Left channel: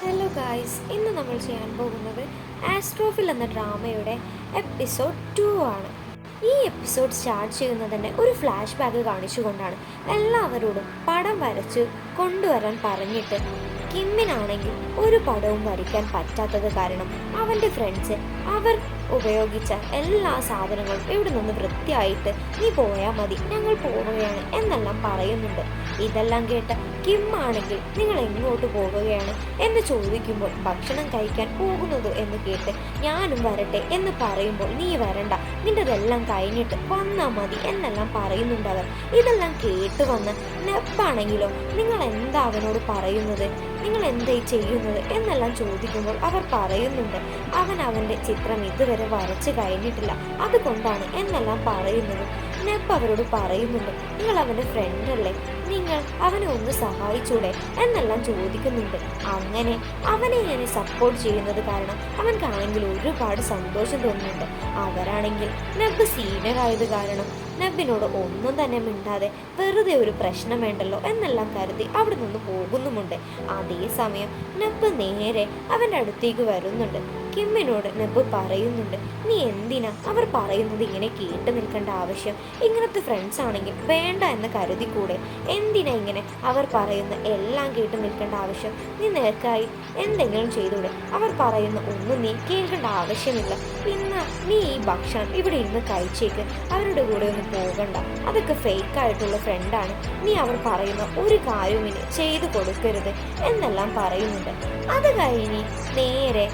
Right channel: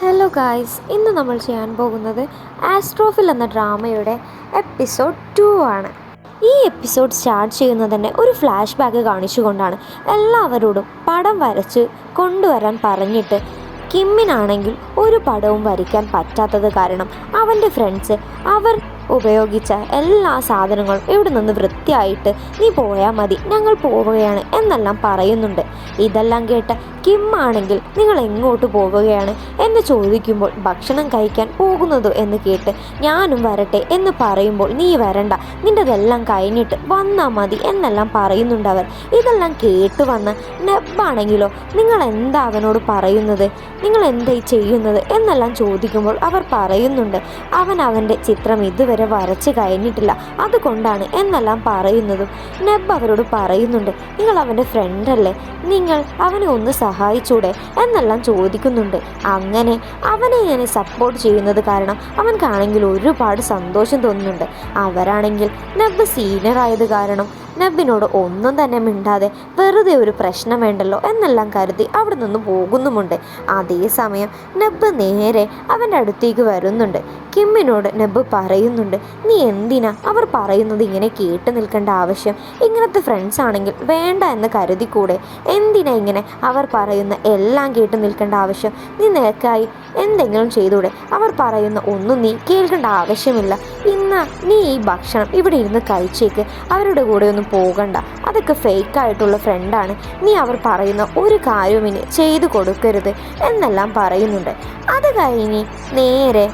Hello guys, ഇന്ന് നമ്മൾ ചെയ്യാൻ പോകുന്നത് ആസ്ട്രോഫിൽ എന്ന ഡ്രാമയുടെ എപ്പിസോഡ് 2 ആണ്. ഈ എപ്പിസോഡ് സ്റ്റാർട്ട് ചെയ്യുന്നത് തന്നെ ഒരു ഫ്ലാഷ് ബാക്ക് കാണിച്ചുകൊണ്ടാണ്. എല്ലാവരോടും പടം വരച്ച് കൊണ്ടുവരാൻ പറഞ്ഞിട്ട് കിമ്മിനാണെങ്കിൽ ഒരു പടവും വരയ്ക്കാൻ പറ്റാത്തത് കാരണം അവൻ്റെ ഫ്രണ്ട്സ് അവർ ഉപയോഗിച്ച എല്ലാ സാധനങ്ങളും ഇവിടെ നിന്ന് വൃത്തിയായിട്ട് നീ പോയാൽ മതി, ഞങ്ങൾ പോവുകയാണ് എന്നെല്ലാം പറയുന്നുണ്ട്. ഇതെല്ലാം കേട്ട കിം ആണെങ്കിൽ നിങ്ങൾ എങ്ങോട്ട് പോവുകയാണ് എന്ന് ചോദിക്കുമ്പോൾ ഭക്ഷണം കഴിക്കാൻ പോകുന്നതോ എന്ന് കേട്ട് ഞാനും വരട്ടെ എന്ന് പറയുമ്പോൾ നീ വരണ്ട, നിൻ്റെതെല്ലാം കഴിഞ്ഞിട്ട് വന്നാൽ മതി എന്നെല്ലാം പറയുന്നുണ്ട് അവർ. ഇതെല്ലാം കേട്ട് വന്ന് നെബാണെങ്കിലോ നിങ്ങൾ എന്താ അവനോട് പറയുന്നത്, നിങ്ങൾ എന്തായി ചെയ്യുന്നത് എന്നെല്ലാം ചോദിക്കുമ്പോൾ അവർ പറയുന്നുണ്ട് അവൻ്റെ ചിത്രം ഇതുവരെ വരച്ച് കഴിഞ്ഞിട്ടില്ല, അതുകൊണ്ടാണ് എന്നെല്ലാം പറയുന്നതും നെബ് അവരോട് പറയുന്നുണ്ട് നിങ്ങൾ അവൻ്റെ ഫ്രണ്ടല്ലേ, നിങ്ങൾ അവനെ ഒന്ന് സഹായിച്ചൂടെ എന്നെല്ലാം ചോദിക്കുന്നുണ്ട്. അങ്ങനെ അവനെ ഞാൻ സപ്പോർട്ട് ചെയ്യുന്നത് കാരണം അവൻക്കാണെങ്കിൽ ഒരുപാട് സന്തോഷം തോന്നുന്നുണ്ട്. അവരാണെങ്കിൽ നെബ് സീനിയർ ആയത് കാരണം നെബിനോട് ഒന്നും തന്നെ മിണ്ടാതെ വെറുതെ ഒരു പ്രശ്നം വേണ്ടല്ലോ എന്നെല്ലാം കരുതി അവിടെ നിന്ന് പോകുന്നുമുണ്ട്. അതേസമയം നെബ് നേരെ അവൻ്റെ അടുത്തേക്ക് വരുന്നുണ്ട്. കിമ്മിനോട് നെബ് പറയുന്നുണ്ട് നീ എന്തിനാ അവർ പറയുന്നത് ഇങ്ങനെ കേട്ട് നിൽക്കേണ്ട ആവശ്യം, ഇങ്ങനത്തെ ഫ്രണ്ട്സ് ആണെങ്കിൽ വേണ്ട എന്ന് കരുതിക്കൂടെ, എന്തിനാ ഇങ്ങനെ അവർ പറയുന്ന എല്ലാം കേട്ട് നിൽക്കേണ്ട ആവശ്യം, നീ നിനക്കായി എന്തെങ്കിലും ചെയ്തൂടെ, അവർ പറയുന്ന ഒന്നും നീ കേൾക്കേണ്ട ആവശ്യമില്ല, ഇന്ന് നീ ഈ ഭക്ഷണം ഇവിടെ ഇരുന്ന് കഴിച്ചേക്ക്, അവരുടെ കൂടെ ഒന്നും പോകണ്ട, അതൊക്കെ ഫേക്കായിട്ടുള്ള ഫ്രണ്ടാണ്, നീ അവർ പറയുന്ന ഒരു കാര്യവും ഇനി ചെയ്തു കൊടുക്കരുത് എന്നെല്ലാം പറയുന്നുണ്ട്. അത് കഴിഞ്ഞ് നേരെ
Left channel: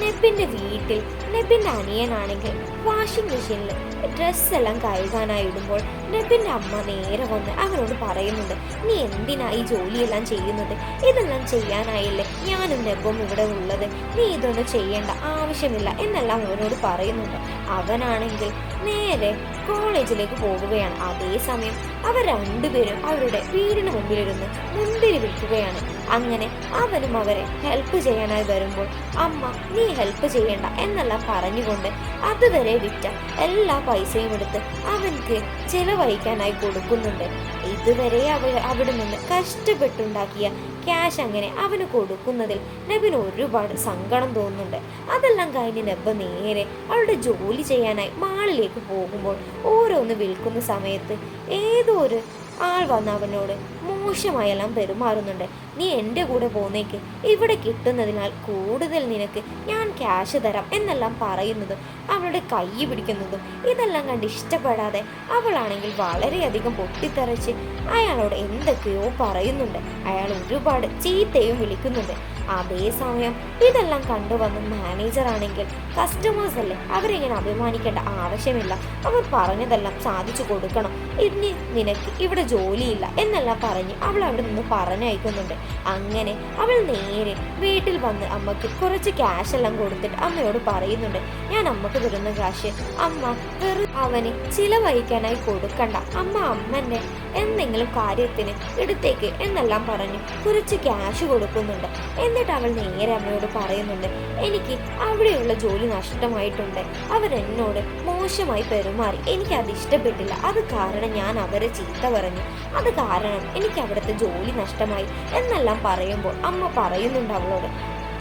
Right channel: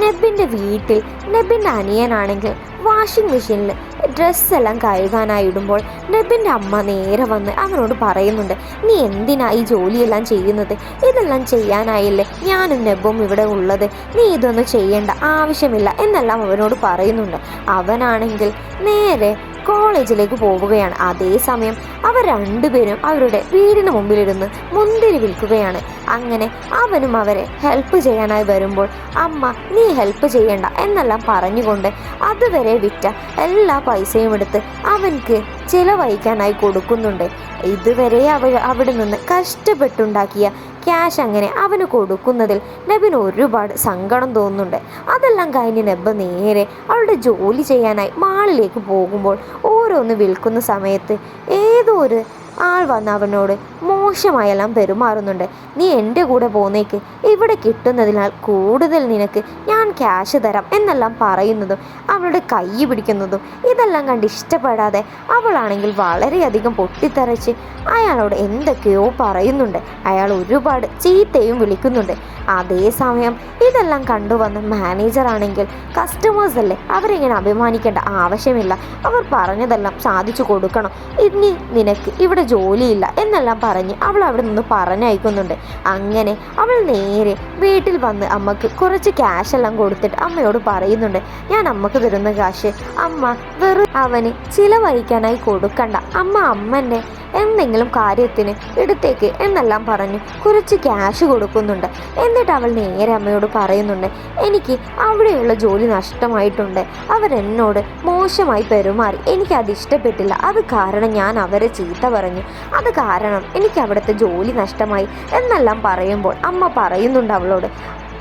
നെബിൻ്റെ വീട്ടിൽ നെബിൻ്റെ അനിയനാണെങ്കിൽ വാഷിംഗ് മെഷീനിൽ ഡ്രസ്സെല്ലാം കഴുകാനായി ഇടുമ്പോൾ നെബിൻ്റെ അമ്മ നേരെ വന്ന് അവനോട് പറയുന്നുണ്ട് നീ എന്തിനാ ഈ ജോലിയെല്ലാം ചെയ്യുന്നത്, ഇതെല്ലാം ചെയ്യാനായില്ലേ ഞാനും നെബും ഇവിടെ ഉള്ളത്, നീ ഇതൊന്നും ചെയ്യേണ്ട ആവശ്യമില്ല എന്നെല്ലാം അവനോട് പറയുന്നുണ്ട്. അവനാണെങ്കിൽ നേരെ കോളേജിലേക്ക് പോവുകയാണ്. അതേസമയം അവർ രണ്ടുപേരും അവരുടെ വീടിന് മുമ്പിലിരുന്ന് മുന്തിരി വിൽക്കുകയാണ്. അങ്ങനെ അവനും അവരെ ഹെൽപ്പ് ചെയ്യാനായി വരുമ്പോൾ അമ്മ നീ ഹെൽപ്പ് ചെയ്യണ്ട എന്നെല്ലാം പറഞ്ഞുകൊണ്ട് അതുവരെ വിറ്റ എല്ലാ പൈസയും എടുത്ത് അവൻക്ക് ചിലവഴിക്കാനായി കൊടുക്കുന്നുണ്ട്. ഇതുവരെ അവിടെ നിന്ന് കഷ്ടപ്പെട്ടുണ്ടാക്കിയ ക്യാഷ് അങ്ങനെ അവന് കൊടുക്കുന്നതിൽ നെബിന് ഒരുപാട് സങ്കടം തോന്നുന്നുണ്ട്. അതെല്ലാം കഴിഞ്ഞ് നെബ് നേരെ അവളുടെ ജോലി ചെയ്യാനായി മാളിലേക്ക് പോകുമ്പോൾ ഓരോന്ന് വിൽക്കുന്ന സമയത്ത് ഏതോ ഒരു ആൾ വന്ന് അവനോട് മോശമായെല്ലാം പെരുമാറുന്നുണ്ട്. നീ എൻ്റെ കൂടെ പോന്നേക്ക്, ഇവിടെ കിട്ടുന്നതിനാൽ കൂടുതൽ നിനക്ക് ഞാൻ ക്യാഷ് തരാം എന്നെല്ലാം പറയുന്നതും അവളുടെ കൈ പിടിക്കുന്നതും ഇതെല്ലാം കണ്ട് ഇഷ്ടപ്പെടാതെ അവളാണെങ്കിൽ വളരെയധികം പൊട്ടിത്തെറിച്ച് അയാളോട് എന്തൊക്കെയോ പറയുന്നുണ്ട്. അയാൾ ഒരുപാട് ചീത്തയും വിളിക്കുന്നുണ്ട്. അതേസമയം ഇതെല്ലാം കണ്ടുവന്ന് മാനേജറാണെങ്കിൽ കസ്റ്റമേഴ്സ് അല്ലേ, അവരിങ്ങനെ അഭിമാനിക്കേണ്ട ആവശ്യമില്ല, അവർ പറഞ്ഞതെല്ലാം സാധിച്ചു കൊടുക്കണം, ഇനി നിനക്ക് ഇവിടെ ജോലിയില്ല എന്നെല്ലാം പറഞ്ഞ് അവൾ അവിടെ നിന്ന് പറഞ്ഞയക്കുന്നുണ്ട്. അങ്ങനെ അവൾ നേരെ വീട്ടിൽ വന്ന് അമ്മക്ക് കുറച്ച് ക്യാഷ് എല്ലാം കൊടുത്തിട്ട് അമ്മയോട് പറയുന്നുണ്ട് ഞാൻ അമ്മക്ക് തരുന്ന കാശ് അമ്മ വെറും അവന് ചിലവഴിക്കാനായി കൊടുക്കണ്ട, അമ്മൻ്റെ എന്തെങ്കിലും കാര്യത്തിന് എടുത്തേക്ക് എന്നെല്ലാം പറഞ്ഞ് കുറച്ച് ക്യാഷ് കൊടുക്കുന്നുണ്ട്. എന്നിട്ട് അവൾ നേരെ അമ്മയോട് പറയുന്നുണ്ട് എനിക്ക് അവിടെയുള്ള ജോലി നഷ്ടമായിട്ടുണ്ട്, അവരെന്നോട് മോശമായി പെരുമാറി, എനിക്കത് ഇഷ്ടപ്പെട്ടില്ല, അത് കാരണം ഞാൻ അവരെ ചീത്ത പറഞ്ഞു, അത് കാരണം എനിക്ക് അവിടുത്തെ ജോലി നഷ്ടമായി എന്നെല്ലാം പറയുമ്പോൾ അമ്മ പറയുന്നുണ്ട് അവളോട്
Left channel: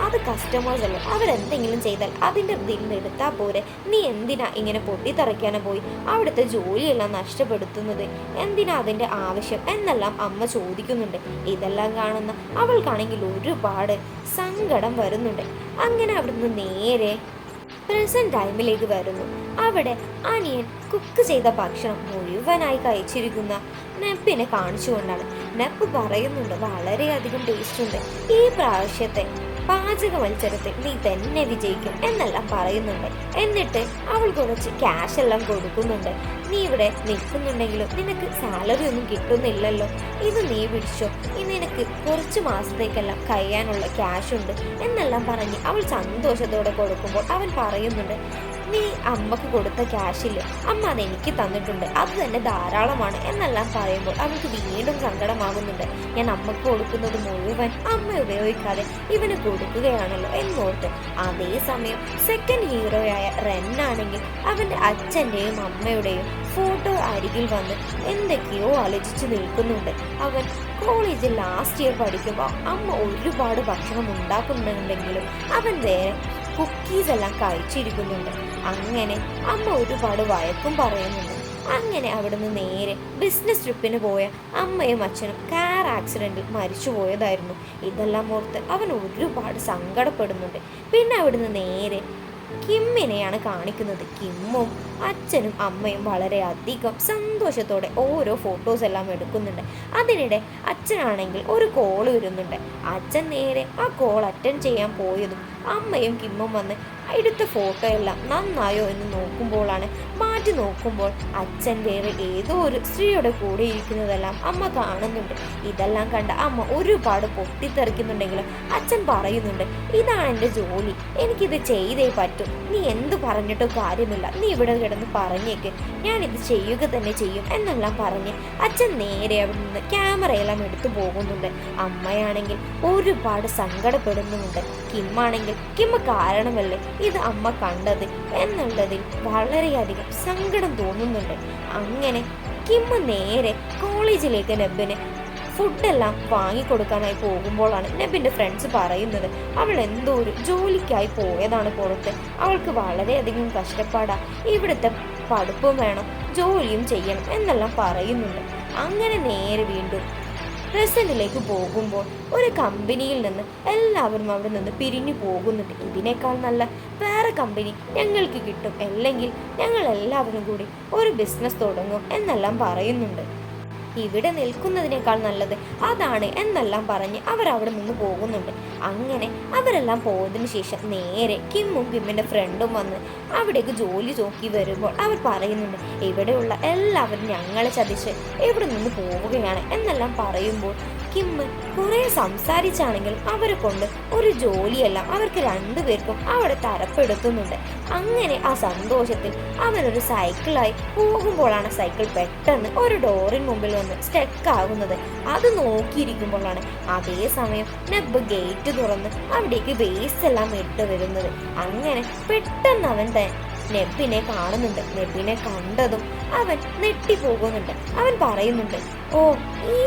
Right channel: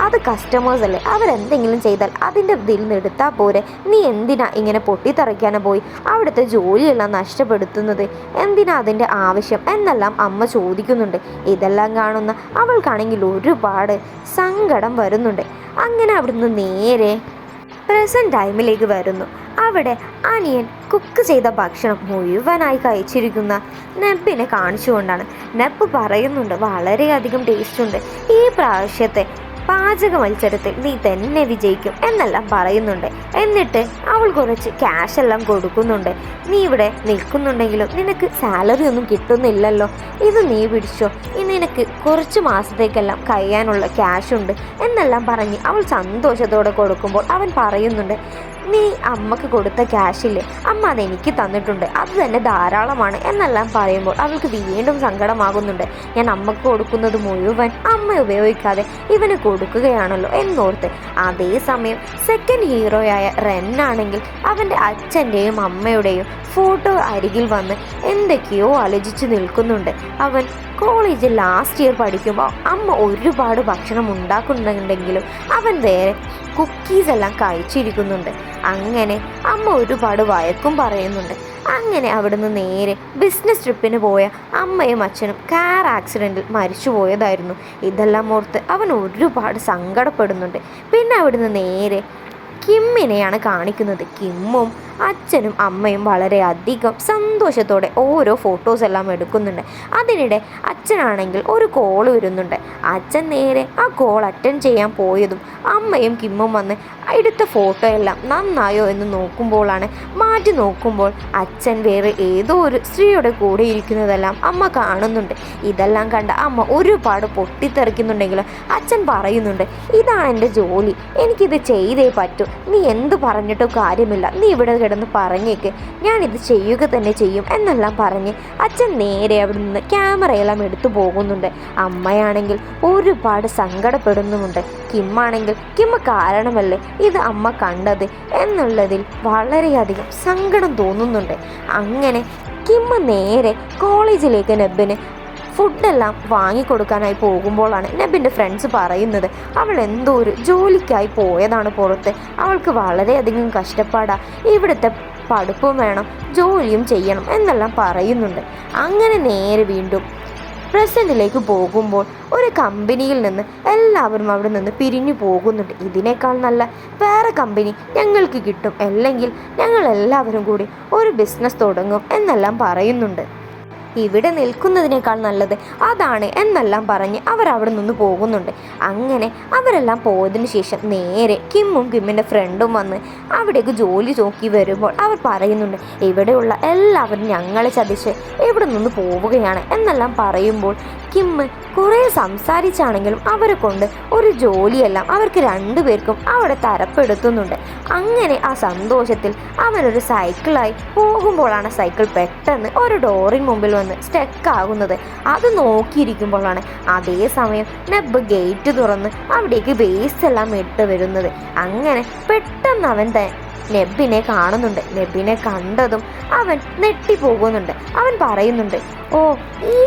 അത് കസ്റ്റമേഴ്സ് അല്ലേ, അവരെന്തെങ്കിലും ചെയ്താൽ അതിൻ്റെ ഇതിൽ നിന്ന് എടുത്താൽ പോരെ, നീ എന്തിനാ ഇങ്ങനെ പൊട്ടിത്തെറിക്കാനോ പോയി അവിടുത്തെ ജോലിയെല്ലാം നഷ്ടപ്പെടുത്തുന്നത്, എന്തിനാ അതിൻ്റെ ആവശ്യം എന്നെല്ലാം അമ്മ ചോദിക്കുന്നുണ്ട്. ഇതെല്ലാം കാണുന്ന അവൾക്കാണെങ്കിൽ ഒരുപാട് സങ്കടം വരുന്നുണ്ട്. അങ്ങനെ അവിടുന്ന് നേരെ പ്രസൻറ്റ് ടൈമിലേക്ക് വരുന്നു. അവിടെ അനിയൻ കുക്ക് ചെയ്ത ഭക്ഷണം മുഴുവനായി കഴിച്ചിരിക്കുന്ന നെബിനെ കാണിച്ചുകൊണ്ടാണ്. നെബ് പറയുന്നുണ്ട് വളരെയധികം ടേസ്റ്റ് ഉണ്ട്, ഈ പ്രാവശ്യത്തെ പാചക മത്സരത്തിൽ നീ തന്നെ വിജയിക്കും എന്നെല്ലാം പറയുന്നുണ്ട്. എന്നിട്ട് അവൾ കുറച്ച് ക്യാഷ് എല്ലാം കൊടുക്കുന്നുണ്ട്. നീ ഇവിടെ നിൽക്കുന്നുണ്ടെങ്കിലും നിനക്ക് സാലറി ഒന്നും കിട്ടുന്നില്ലല്ലോ, ഇത് നീ പിടിച്ചോ, ഇനി നിനക്ക് കുറച്ച് മാസത്തേക്കെല്ലാം കഴിയാനുള്ള ക്യാഷ് ഉണ്ട് എന്നെല്ലാം പറഞ്ഞ് അവൾ സന്തോഷത്തോടെ കൊടുക്കുമ്പോൾ അവൻ പറയുന്നുണ്ട് നീ അമ്മക്ക് കൊടുത്ത ക്യാഷില്ലേ, അമ്മ അതെനിക്ക് തന്നിട്ടുണ്ട്, അത് തന്നെ ധാരാളമാണ് എന്നെല്ലാം പറയുമ്പോൾ അവൾക്ക് വീണ്ടും സങ്കടമാകുന്നുണ്ട്. ഞാൻ അമ്മക്ക് കൊടുക്കുന്നത് മുഴുവൻ അമ്മ ഉപയോഗിക്കാതെ ഇവന് കൊടുക്കുകയാണല്ലോ എന്നോർത്ത്. അതേസമയം സെക്കൻഡ് ഹീറോയായ റെന്നാണെങ്കിൽ അവൻ്റെ അച്ഛൻ്റെയും അമ്മയുടെയും ഫോട്ടോ അരികിൽ വന്ന് എന്തൊക്കെയോ ആലോചിച്ച് നിൽക്കുന്നുണ്ട്. അവൻ കോളേജിൽ ലാസ്റ്റ് ഇയർ പഠിക്കുമ്പോൾ അമ്മ ഒരുപാട് ഭക്ഷണം ഉണ്ടാക്കുന്നുണ്ടെങ്കിലും അവൻ വേറെ കുക്കീസ് എല്ലാം കഴിച്ചിരിക്കുന്നുണ്ട്. അങ്ങനെ അമ്മ ഒരുപാട് വഴക്കും പറയുന്നുണ്ട്. അങ്ങനെ അവിടുന്ന് നേരെ ബിസിനസ് ട്രിപ്പിന് പോയ അമ്മയും അച്ഛനും കാർ ആക്സിഡൻറ്റിൽ മരിച്ചു പോയതായിരുന്നു. ഇതെല്ലാം ഓർത്ത് അവൻ ഒരുപാട് സങ്കടപ്പെടുന്നുണ്ട്. പിന്നെ അവിടുന്ന് നേരെ കിമ്മിനെയാണ് കാണിക്കുന്നത്. കിമ്മും അച്ഛനും അമ്മയും വളരെയധികം സന്തോഷത്തോടെ ഓരോ ഫോട്ടോസ് എല്ലാം എടുക്കുന്നുണ്ട്. അതിനിടെ അച്ഛനാണെങ്കിൽ ഒരു കോൾ വരുന്നുണ്ട്. അച്ഛൻ നേരെ ആ കോൾ അറ്റൻഡ് ചെയ്യാൻ പോയതും അമ്മയും കിമ്മും വന്ന് എടുത്ത ഫോട്ടോ എല്ലാം നന്നായോ എന്ന് നോക്കുമ്പോഴാണ് മാറ്റി നോക്കുമ്പോൾ അച്ഛൻ വേറെ ഏതോ ഒരു സ്ത്രീയുടെ കൂടെ ഇരിക്കുന്നതെല്ലാം അമ്മ കാണുന്നുണ്ട്. ഇതെല്ലാം കണ്ട അമ്മ ഒരുപാട് പൊട്ടിത്തെറിക്കുന്നുണ്ടെങ്കിലും അച്ഛൻ പറയുന്നുണ്ട്, ഇതാണ് എൻ്റെ ജോലി, എനിക്കിത് ചെയ്തേ പറ്റൂ, നീ എന്ത് പറഞ്ഞിട്ടും കാര്യമില്ല, നീ ഇവിടെ കിടന്ന് പറഞ്ഞേക്ക്, ഞാനിത് ചെയ്യുക തന്നെ ചെയ്യും എന്നെല്ലാം പറഞ്ഞ് അച്ഛൻ നേരെ അവിടെ നിന്ന് ക്യാമറയെല്ലാം എടുത്തു പോകുന്നുണ്ട്. അമ്മയാണെങ്കിൽ ഒരുപാട് സങ്കടപ്പെടുന്നുമുണ്ട്. കിമ്മാണെങ്കിൽ കിമ്മ കാരണമല്ലേ ഇത് അമ്മ കണ്ടത് എന്നുള്ളതിൽ വളരെയധികം സങ്കടം തോന്നുന്നുണ്ട്. അങ്ങനെ കിമ്മ നേരെ കോളേജിലേക്ക് നെബിന് ഫുഡെല്ലാം വാങ്ങിക്കൊടുക്കാനായി പോകുമ്പോഴാണ് നെബിൻ്റെ ഫ്രണ്ട്സ് പറയുന്നത് അവൾ എന്തോ ഒരു ജോലിക്കായി പോയതാണ് പുറത്ത്, അവൾക്ക് വളരെയധികം കഷ്ടപ്പാടാ, ഇവിടുത്തെ പഠിപ്പും വേണം ജോലിയും ചെയ്യണം എന്നെല്ലാം പറയുന്നുണ്ട്. അങ്ങനെ നേരെ വീണ്ടും പ്രസൻറ്റിലേക്ക് പോകുമ്പോൾ ഒരു കമ്പനിയിൽ നിന്ന് എല്ലാവരും അവിടെ നിന്ന് പിരിഞ്ഞു പോകുന്നുണ്ട്. ഇതിനേക്കാൾ നല്ല വേറെ കമ്പനി ഞങ്ങൾക്ക് കിട്ടും, അല്ലെങ്കിൽ ഞങ്ങൾ എല്ലാവരും കൂടി ഒരു ബിസിനസ് തുടങ്ങും എന്നെല്ലാം പറയുന്നുണ്ട്. ഇവിടെ നിൽക്കുന്നതിനേക്കാൾ നല്ലത് അതാണ് എന്നെല്ലാം പറഞ്ഞ് അവരവിടെ നിന്ന് പോകുന്നുണ്ട്. അങ്ങനെ അവരെല്ലാം പോയതിനു ശേഷം നേരെ കിമ്മിൻ്റെ ഫ്രണ്ടും വന്ന് അവിടേക്ക് ജോലി നോക്കി വരുമ്പോൾ അവർ പറയുന്നുണ്ട്, ഇവിടെയുള്ള എല്ലാവരും ഞങ്ങളെ ചതിച്ച് ഇവിടെ നിന്ന് പോവുകയാണ് എന്നെല്ലാം പറയുമ്പോൾ കിമ്മ് കുറേ സംസാരിച്ചാണെങ്കിലും അവരെ കൊണ്ട് ഒരു ജോലിയെല്ലാം അവർക്ക് രണ്ടുപേർക്കും അവിടെ തരപ്പെടുത്തുന്നുണ്ട്. അങ്ങനെ ആ സന്തോഷത്തിൽ അവനൊരു സൈക്കിളായി പോകുമ്പോഴാണ് സൈക്കിൾ പെട്ടെന്ന് ഒരു ഡോറിന് മുമ്പിൽ വന്ന് സ്റ്റക്ക് ആകുന്നത്. അത് നോക്കിയിരിക്കുമ്പോഴാണ് അതേസമയം നെബ് ഗേറ്റ് തുറന്ന് അവിടേക്ക് ബേസ് എല്ലാം ഇട്ട് വരുന്നത്. അങ്ങനെ പെട്ടെന്ന് അവൻ നെബിനെ കാണുന്നുണ്ട്. നെബിനെ കണ്ടതും അവൻ നെട്ടിപ്പോകുന്നുണ്ട്. അവൻ പറയുന്നുണ്ട്, ഓ, ഈ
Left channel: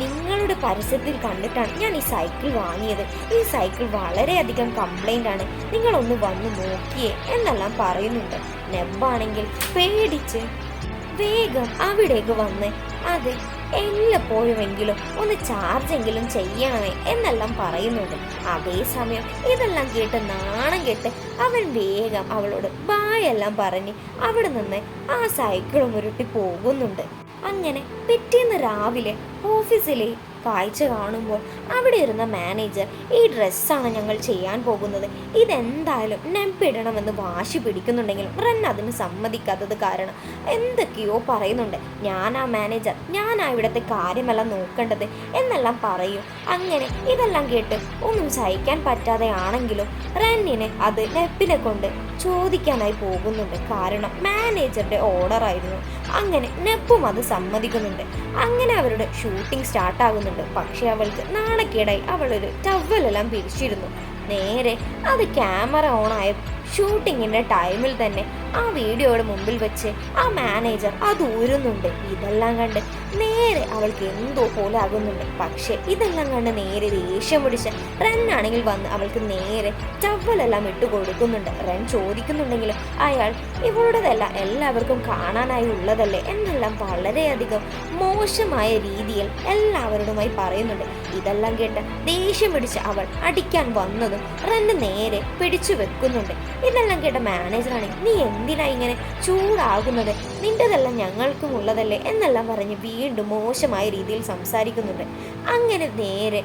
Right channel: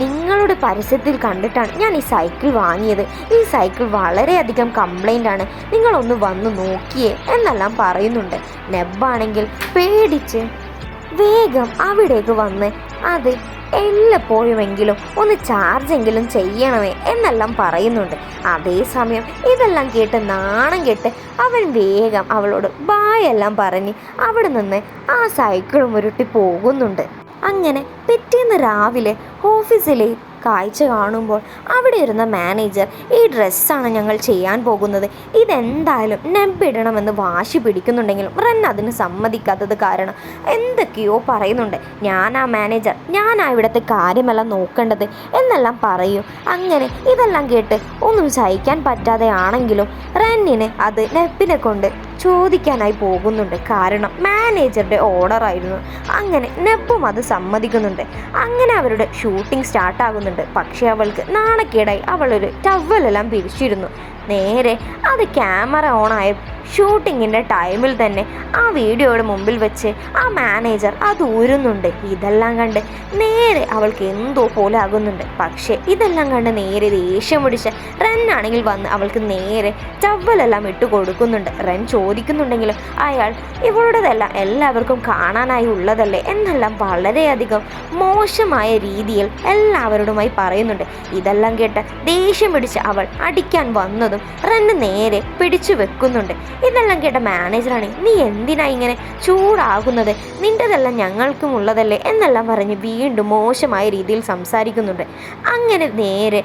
നിങ്ങളുടെ പരസ്യത്തിൽ കണ്ടിട്ടാണ് ഞാൻ ഈ സൈക്കിൾ വാങ്ങിയത്, ഈ സൈക്കിൾ വളരെയധികം കംപ്ലൈൻ്റ് ആണ്, നിങ്ങളൊന്ന് വന്ന് നോക്കിയേ എന്നെല്ലാം പറയുന്നുണ്ട്. നെബാണെങ്കിൽ പേടിച്ച് വേഗം അവിടേക്ക് വന്ന് അത് എല്ലപ്പോഴുമെങ്കിലും ഒന്ന് ചാർജെങ്കിലും ചെയ്യണമേ എന്നെല്ലാം പറയുന്നുണ്ട്. അതേസമയം ഇതെല്ലാം കേട്ട് നാണം കെട്ട് അവൻ വേഗം അവളോട് ബായെല്ലാം പറഞ്ഞ് അവിടെ നിന്ന് ആ സൈക്കിളും ഉരുട്ടി പോകുന്നുണ്ട്. അങ്ങനെ പിറ്റേന്ന് രാവിലെ ഓഫീസിലെ കാഴ്ച കാണുമ്പോൾ അവിടെ ഇരുന്ന മാനേജർ, ഈ ഡ്രസ്സാണ് ഞങ്ങൾ ചെയ്യാൻ പോകുന്നത്, ഇതെന്തായാലും നെബിടണമെന്ന് വാശി പിടിക്കുന്നുണ്ടെങ്കിലും റെൻ അതിന് സമ്മതിക്കാത്തത് കാരണം എന്തൊക്കെയോ പറയുന്നുണ്ട്. ഞാനാ മാനേജർ, ഞാനാ ഇവിടുത്തെ കാര്യമെല്ലാം നോക്കേണ്ടത് എന്നെല്ലാം പറയും. അങ്ങനെ ഇതെല്ലാം കേട്ട് ഒന്നും സഹിക്കാൻ പറ്റാതെ ആണെങ്കിലും റെന്നിന് അത് നെബിനെ കൊണ്ട് ചോദിക്കാനായി പോകുന്നുണ്ട്. കാരണം മാനേജറുടെ ഓർഡറായിരുന്നു. അങ്ങനെ നെബും അത് സമ്മതിക്കുന്നുണ്ട്. അങ്ങനെ അവരുടെ ഷൂട്ടിംഗ് സ്റ്റാർട്ടാകുന്നുണ്ട്. പക്ഷേ അവൾക്ക് നാണക്കേടായി അവളൊരു ടവലെല്ലാം പിരിച്ചിരുന്നു. നേരെ അത് ക്യാമറ ഓണായ ഷൂട്ടിങ്ങിൻ്റെ ടൈമിൽ തന്നെ ആ വീഡിയോയുടെ മുമ്പിൽ വെച്ച് ആ മാനേജർ അത് ഊരുന്നുണ്ട്. ഇതെല്ലാം കണ്ട് നേരെ അവൾക്ക് എന്തോ പോലെ ആകുന്നുണ്ട്. പക്ഷേ ഇതെല്ലാം കണ്ട് നേരെ ദേഷ്യം പിടിച്ച റെന്നാണെങ്കിൽ വന്ന് അവൾക്ക് നേരെ ടവലെല്ലാം ഇട്ട് കൊടുക്കുന്നുണ്ട്. റെൻ ചോദിക്കുന്നുണ്ടെങ്കിലും അയാൾ ഇവളുടേതല്ല, എല്ലാവർക്കും കാണാനായി ഉള്ളതല്ലേ എന്നെല്ലാം വളരെയധികം മോശമായ രീതിയിൽ എല്ലാവരോടുമായി പറയുന്നുണ്ട്. ഇതെല്ലാം കേട്ട് ദേഷ്യം പിടിച്ച് അവൾ അടിക്കാൻ വന്നതും റെന്ന് നേരെ പിടിച്ചു വെക്കുന്നുണ്ട്. ഇതെല്ലാം കേട്ട മാനേജറാണ്, നീ എന്തിനാ ഇങ്ങനെ ചൂടാകുന്നത്, നിൻ്റെതെല്ലാം ഞങ്ങൾക്കും ഉള്ളതല്ലേ എന്നെല്ലാം പറഞ്ഞ് വീണ്ടും മോശമായ രീതിയിൽ സംസാരിക്കുന്നുണ്ട്. അങ്ങനെ നേരെ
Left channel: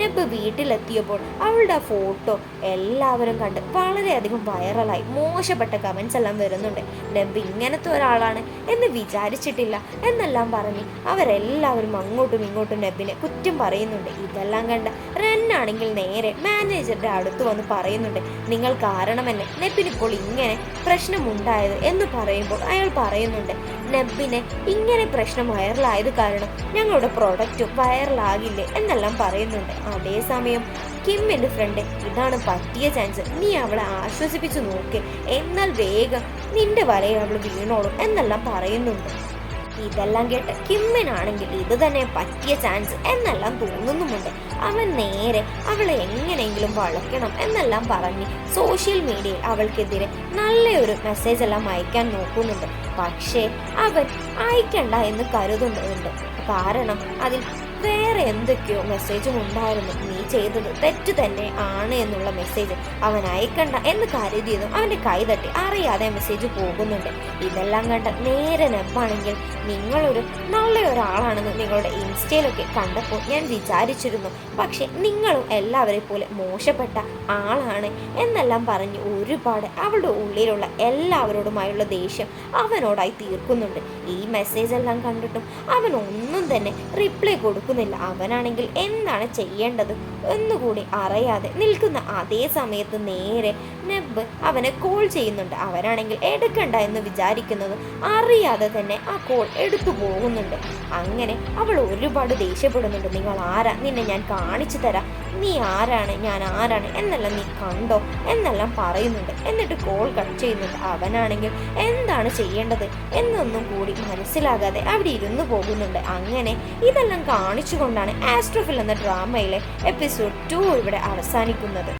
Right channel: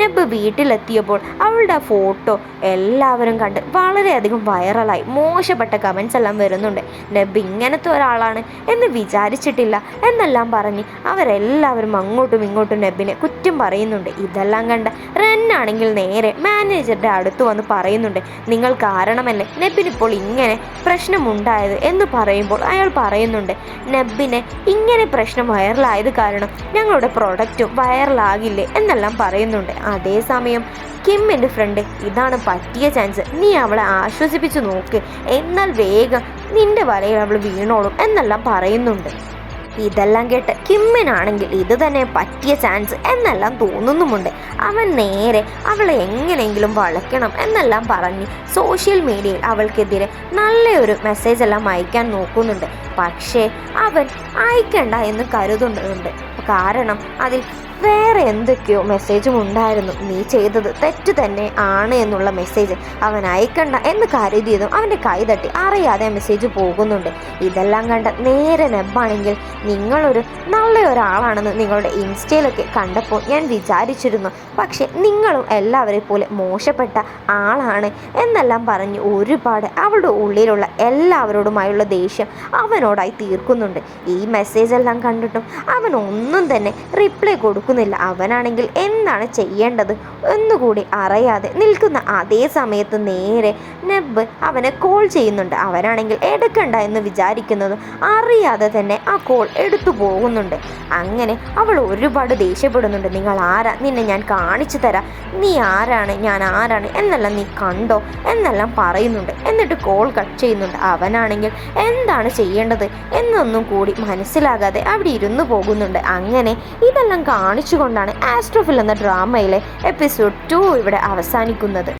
നെബ് വീട്ടിലെത്തിയപ്പോൾ അവളുടെ ആ ഫോട്ടോ എല്ലാവരും കണ്ട് വളരെയധികം വൈറലായി. മോശപ്പെട്ട കമൻസ് എല്ലാം വരുന്നുണ്ട്. നെബ് ഇങ്ങനത്തെ ഒരാളാണ് എന്ന് വിചാരിച്ചിട്ടില്ല എന്നെല്ലാം പറഞ്ഞ് അവരെല്ലാവരും അങ്ങോട്ടും ഇങ്ങോട്ടും നെബിനെ കുറ്റം പറയുന്നുണ്ട്. ഇതെല്ലാം കണ്ട റെന്നാണെങ്കിൽ നേരെ മാനേജറുടെ അടുത്ത് വന്ന് പറയുന്നുണ്ട്, നിങ്ങൾ കാരണമല്ലേ നെബിനിപ്പോൾ ഇങ്ങനെ പ്രശ്നമുണ്ടായത് എന്ന് പറയുമ്പോൾ അയാൾ പറയുന്നുണ്ട്, നെബിനെ ഇങ്ങനെ പ്രശ്നം വൈറലായത് കാരണം ഞങ്ങളുടെ പ്രൊഡക്റ്റും വൈറലാകില്ലേ എന്നെല്ലാം പറയുന്നുണ്ട്. അതേസമയം കിമ്മിൻ്റെ ഫ്രണ്ട്, ഇതാണ് പറ്റിയ ചാൻസ്, നീ അവളെ ആശ്വസിപ്പിച്ച് നോക്ക്, എന്നാൽ വേഗം നിന്റെ വലയിൽ അവൾ വീണോളും എന്നെല്ലാം പറയുന്നുണ്ട്. ഇതെല്ലാം കേട്ട് കിമ്മിനാണെങ്കിൽ ഇത് തന്നെ പറ്റിയ ചാൻസ് എന്നെല്ലാം തോന്നുന്നുമുണ്ട്. അവൻ നേരെ അവളെ എങ്ങനെയെങ്കിലും വളയ്ക്കണം എന്നെല്ലാം പറഞ്ഞ് സോഷ്യൽ മീഡിയയിൽ അവൾക്കെതിരെ നല്ലൊരു മെസ്സേജ് എല്ലാം അയക്കാൻ നോക്കുന്നുണ്ട്. പക്ഷേ അവൻ അയക്കണ്ട എന്ന് കരുതുന്നുണ്ട്. കാരണം അതിൽ വേറെ എന്തൊക്കെയോ മെസ്സേജും ഉണ്ടായിരുന്നു. നീ ചെയ്തത് തെറ്റ് തന്നെ ആണ് എന്നുള്ള മെസ്സേജ് അവൻ അയക്കണ്ട എന്ന് കരുതിയതും അവൻ്റെ കൈ തട്ടി അറിയാതെ മെസ്സേജ് പോകുന്നുണ്ട്. ഇതെല്ലാം കണ്ട നേരെ നെബാണെങ്കിൽ നിങ്ങളൊരു നല്ല ഒരാളാണെന്ന് നിങ്ങളുടെ ഇൻസ്റ്റയിലൊക്കെ കണ്ടപ്പോൾ ഞാൻ വിചാരിച്ചിരുന്നു. പക്ഷെ നിങ്ങളും എല്ലാവരെ പോലെ മോശപ്പെട്ട ആളാണ് എന്നെല്ലാം പറഞ്ഞ് ഒരുപാട് അവളുടെ ഉള്ളിലുള്ള എല്ലാവരോടുമായുള്ള ദേഷ്യം അവനോടായി തീർക്കുന്നുണ്ട്. ഈ മെസ്സേജ് എല്ലാം കണ്ടിട്ടും അവൻ ഒന്നും തന്നെ റിപ്ലൈ കൊടുക്കുന്നില്ല. അവനാണെങ്കിൽ എന്താണ് ചെയ്യേണ്ടത് എന്നുകൂടി അറിയാതെ നിൽക്കുന്ന അതേ സമയത്ത് നേരെ നെബ് അവനെ കോൾ ചെയ്യുന്നുണ്ട്. അവനാണെങ്കിൽ എടുക്കണ്ട എന്ന് വിചാരിക്കുന്നതും അറിയാതെ തന്നെ ആ കോൾ എടുത്തു പോകുന്നുണ്ട്. അങ്ങനെ അവൾ ഒരുപാട് ദേഷ്യപ്പെടുന്നുണ്ട്. നിങ്ങൾ ആരാ, നിന്നെ ഞാൻ കാണിച്ചു തരാം, നീ ആരാണ്, ഞാൻ ആരാണ് എന്നെല്ലാം നീ കണ്ടോ എന്നെല്ലാം പറയുന്നുണ്ട്. എന്നിട്ട് കോൾ കട്ട് ചെയ്യുന്നുണ്ട്. അവനാണെങ്കിൽ എന്താണ് ചെയ്യേണ്ടത് എന്നൊന്നും കൂടി മനസ്സിലാകാതെ അവിടെ ഇരുന്നു പോകുന്നുണ്ട്. അങ്ങനെ ഇതെല്ലാം കാണിച്ചുകൊണ്ടാണ് ആസ്ട്രോഫിൽ എന്ന ഡ്രാമയിലെ എപ്പിസോഡ് 2 ഇവിടെ അവസാനിക്കുന്നത്.